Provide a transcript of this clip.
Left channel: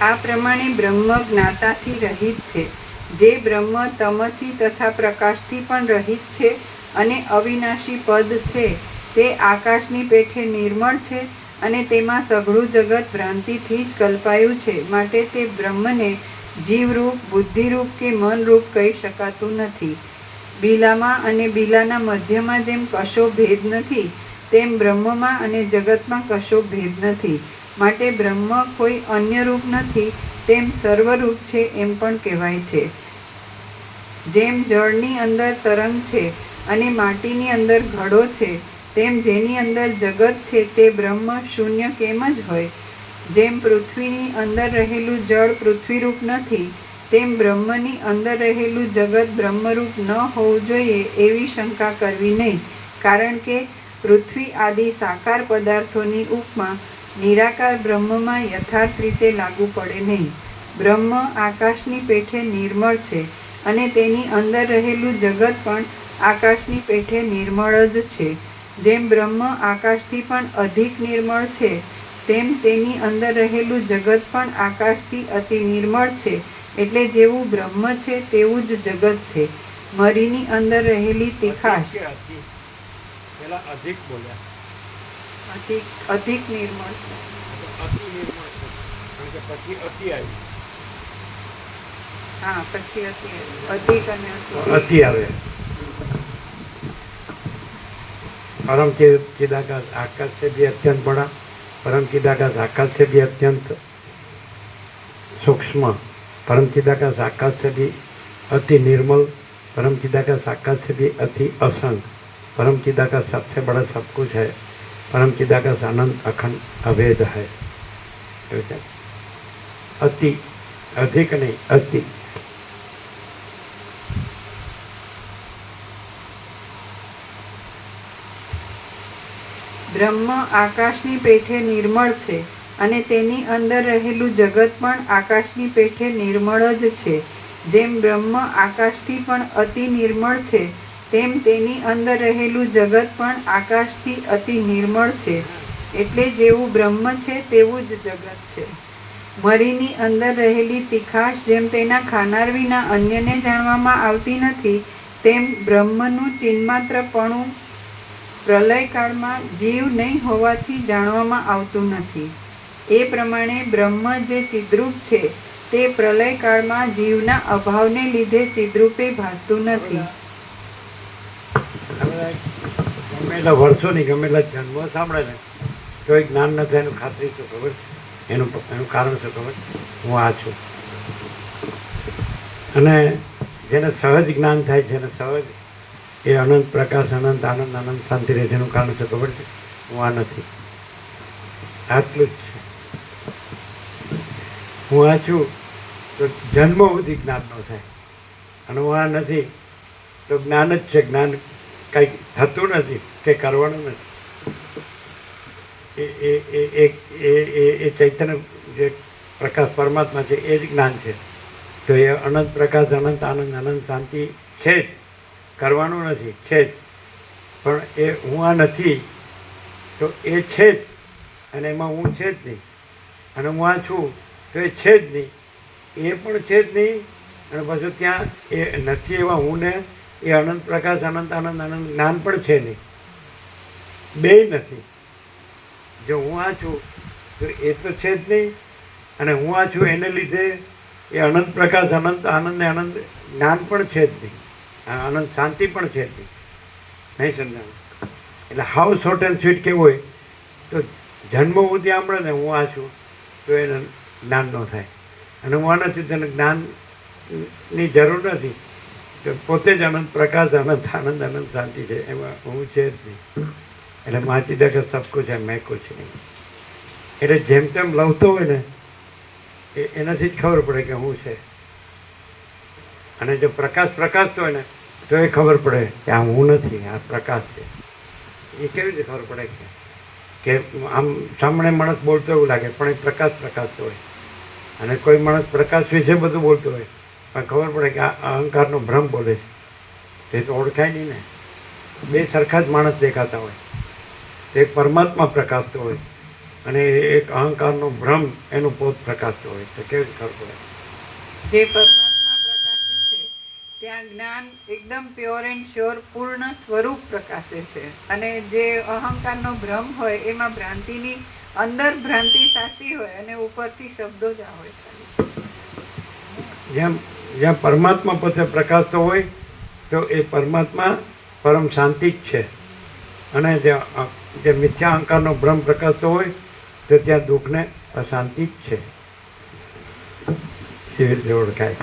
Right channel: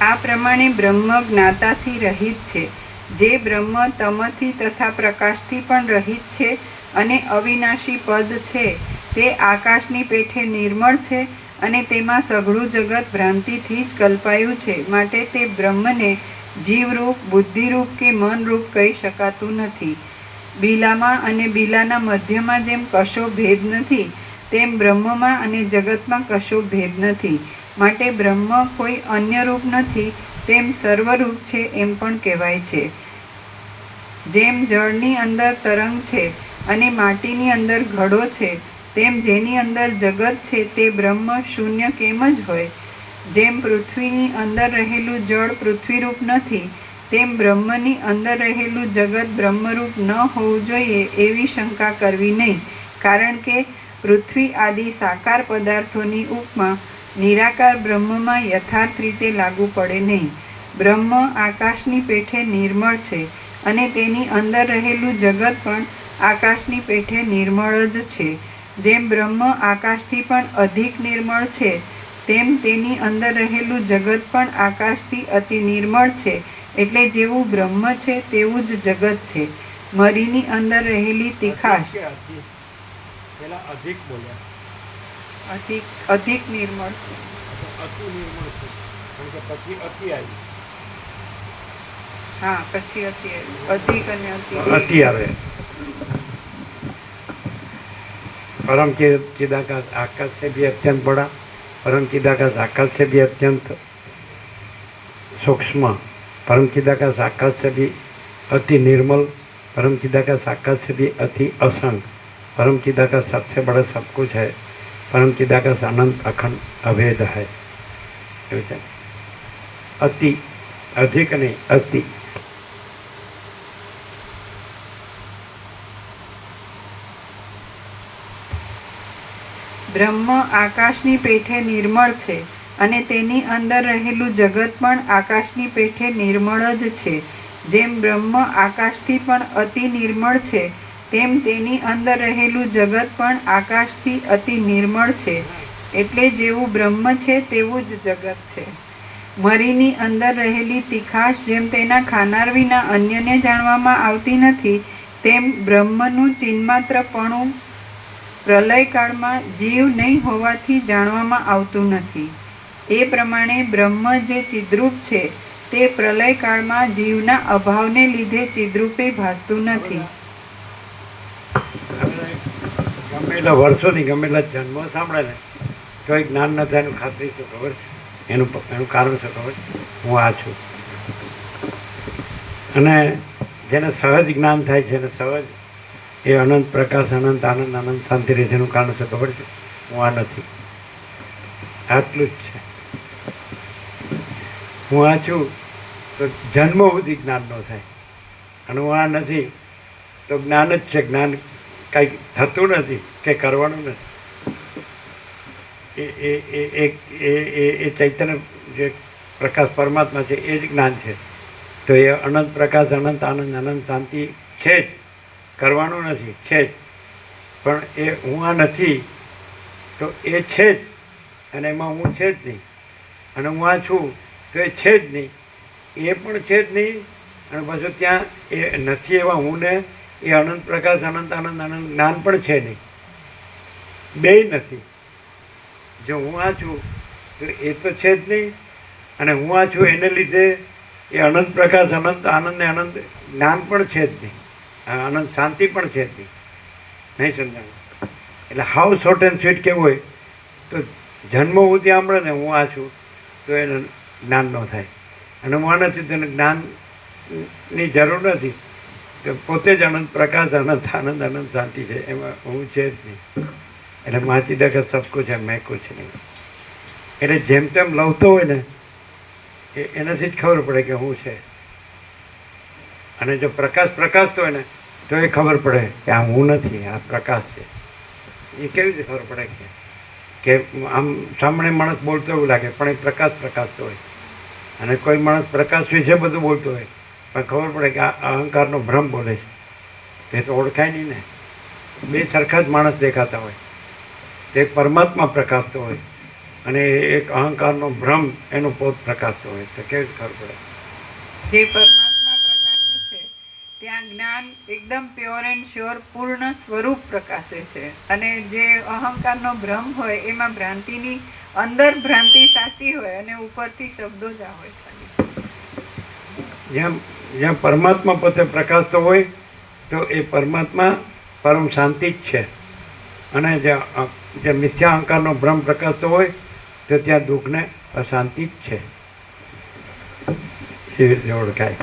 આ પ્રમાણે બ્રહ્મ જ્ઞાતાથી રહિત છે, જે બ્રહ્મ તમથી તથા પ્રકાશથી પણ રહિત છે અને અવિનાશી પદ છે. તે આકાશની પેઠે નિર્મળ છે અને તેમાં સઘળું જગત ભ્રાંતિથી જ કલ્પાયું છે. માટે તે બ્રહ્મને જીવરૂપ, બુદ્ધિરૂપ કે મનરૂપ કહી શકાતું નથી. બીલામાં અને બીલાના મધ્યમાં જેમ કશો ભેદ નથી, તેમ બ્રહ્મમાં અને જગતમાં કશો ભેદ નથી. માટે બ્રહ્મ કોઈ અન્ય રૂપ નથી, તેમ સર્વરૂપ છે એમ પણ કહેવાય છે. જેમ જળની અંદર તરંગ છે અને માટીની અંદર ઘડો છે, તેમ જેની અંદર જગત છે તે બ્રહ્મ શૂન્ય કેમ જ હોય? જેમ પૃથ્વીની અંદર રહેલું જળ પૃથ્વીરૂપ નથી, તેમ બ્રહ્મની અંદર રહેલું જગત બ્રહ્મરૂપ ન હોવું જોઈએ એવી શંકા કરવી નહીં. કારણ કે પૃથ્વી આદિ સાકાર પદાર્થોની ઉપમા નિરાકાર બ્રહ્મમાં યથાર્થ રીતે લાગુ પડે નહીં. બ્રહ્મ આકાશની પેઠે નિર્મળ છે અને તેની અંદર રહેલું જગત પણ આકાશની પેઠે નિર્મળ જ છે. જેમ બ્રહ્મ આકાશથી પણ અધિક નિર્મળ છે, તેમ તેની અંદર રહેલું જગત પણ આકાશથી અતિ નિર્મળ છે. એટલે જેવું બ્રહ્મ છે તેવું જ જગત છે. મરીની અંદર રહેલી તીખાશ અધિક નિર્મળ છે. હા, પછી અતિ અધિક અને અતિ આવે. परम चिदाकाश आकाश से भी अत्यंत बड़ा, परम चिदाकाश आकाश से भी अत्यंत सूक्ष्म, परम चिदाकाश आकाश से भी अति निर्मल, परम चिदाकाश आकाश से भी अति असंग, परम चिदाकाश सबसे बड़ा सब कुछ है, परम चिदाकाश अनंत अखंड अभेद है. अति, अधिक नहीं, अति. બ્રહ્મ આકાશની પેઠે નિર્મળ છે અને તેની અંદર રહેલું જગત પણ આકાશની પેઠે નિર્મળ જ છે. જેમ બ્રહ્મ આકાશથી પણ અતિ નિર્મળ છે, તેમ તેની અંદર રહેલું જગત પણ આકાશથી અતિ નિર્મળ છે. એટલે જેવું બ્રહ્મ છે તેવું જ જગત છે. મરીની અંદર રહેલી તીખાશ જેમ તેના ખાનાર વિના અન્યને જાણવામાં આવતી નથી, તેમ બ્રહ્મનું ચિન્માત્રપણું પ્રલયકાળમાં જીવ નહીં હોવાથી જાણવામાં આવતું નથી. એ પ્રમાણે બ્રહ્મ જે ચિદ્રૂપ છે તે પ્રલયકાળમાં જીવના અભાવને લીધે ચિદ્રૂપે ભાસતું નથી. ગમેલા વર્ષોની ગમેલા જન્મો સાંભળે ને તો એ જ્ઞાન ન થાય એનું ખાતરી શું ખબર છે? એનું કારણ શું ખબર? હું આ છું. અને જેને સહજ જ્ઞાન થાય છે ને સહજ એ અનંત પ્રકાશ, અનંત આનંદ, અનંત શાંતિ રહે છે. એનું કારણ છે ખબર છે? હું આ નથી. આટલું જ છે. હું આ છું તો જન્મો સુધી જ્ઞાન ન થાય, અને હું આ નથી તો જ્ઞાન જ છે. જ્ઞાન કંઈક થતું નથી કે કરવાનું નથી. એ ચૈતન્ય જે પ્રકાશ પરમાત્મા છે એ જ જ્ઞાન છે. તો એ અનંત પ્રકાશ, અનંત આનંદ, અનંત શાંતિ છે જ, કરવાનું નથી, છે જ. પણ એ હું આ નથી તો એ છે જ, અને એમાં હું છે જ નહીં. અને હું આ છું તો એ છે જ નહીં, એ પણ છે જ નહીં. અને પાછું ત્યાં એ નથી એવા હું ને એ અનંત પ્રકાશ, અનંત આનંદ, અનંત જ્ઞાન પણ છે નહીં. બેય નથી. જો હું આ છું તો એ તો છે જ નહીં, અને હું આ છું એને લીધે એ અનંત પ્રકાશ, અનંત આનંદ ને અનંત જ્ઞાન પણ છે જ નહીં, અનંત શાંતિ પણ છે જ નહીં. નહીં સમજાવું? એટલે હાવ શોર્ટ એન્ડ સ્વીટ કેવું હોય તો જન્મ સુધી સાંભળે ને હું આ છું તો એને જ્ઞાન ન થાય. અને હું આ નથી તેને જ્ઞાનની જરૂર નથી. તો પોતે જ અનંત પ્રકાશ, અનંત આનંદ, અનંત શાંતિ છે. એમાં હું છે જ નહીં. એટલે માચી દે કે સબ કુછ है, मैं कुछ नहीं. એટલે જેમ તેમ લવતો હોય ને એનાથી જ ખબર પડે કે હું છે. અને જો પ્રકાશ પ્રકાશતો હોય ને તો એ ખબર પડે કે આ હું નથી, આ પ્રકાશ છે. એ કેવી રીતે ખબર પડે કે આમ સામાન્ય માણસ બોલતો એવું લાગે પણ એ પ્રકાશ પ્રકાશતો હોય. અને કોઈ માણસ પ્રકાશ વિશે બધું બોલતો હોય પણ ખબર પડે કે આ અહંકારનો ભ્રમ બોલે છે. તે તો ઓળખાય નહીં ને. બે સરખા જ માણસ દેખાતા હોય. તે પરમાત્મા પ્રકાશતો હોય અને એક અહંકારનો ભ્રમ એનો પોત પ્રકાશતો હોય તો કેવી રીતે ખબર પડે? જે પરમાત્મા પ્રકાશે છે ત્યાં જ્ઞાન એકદમ પ્યોર એન્ડ શ્યોર પૂર્ણ સ્વરૂપ પ્રકાશે છે, અને જે અહંકારનો ભ્રમ હોય એમાં ભ્રાંતિની અંદર ભ્રાંતિ સાચી હોય અને ઉપરથી શબ્દો જ આવે ખાલી. જ્યાં પરમાત્મા પોતે પ્રકાશતો હોય તો એ પરમાત્મા પરમ શાંતિ જ છે, અને જે મિથ્યા અહંકારનો ભ્રમ પ્રકાશતો હોય તો ત્યાં દુઃખને અશાંતિ જ છે. એવી રીતે ઓળખાય.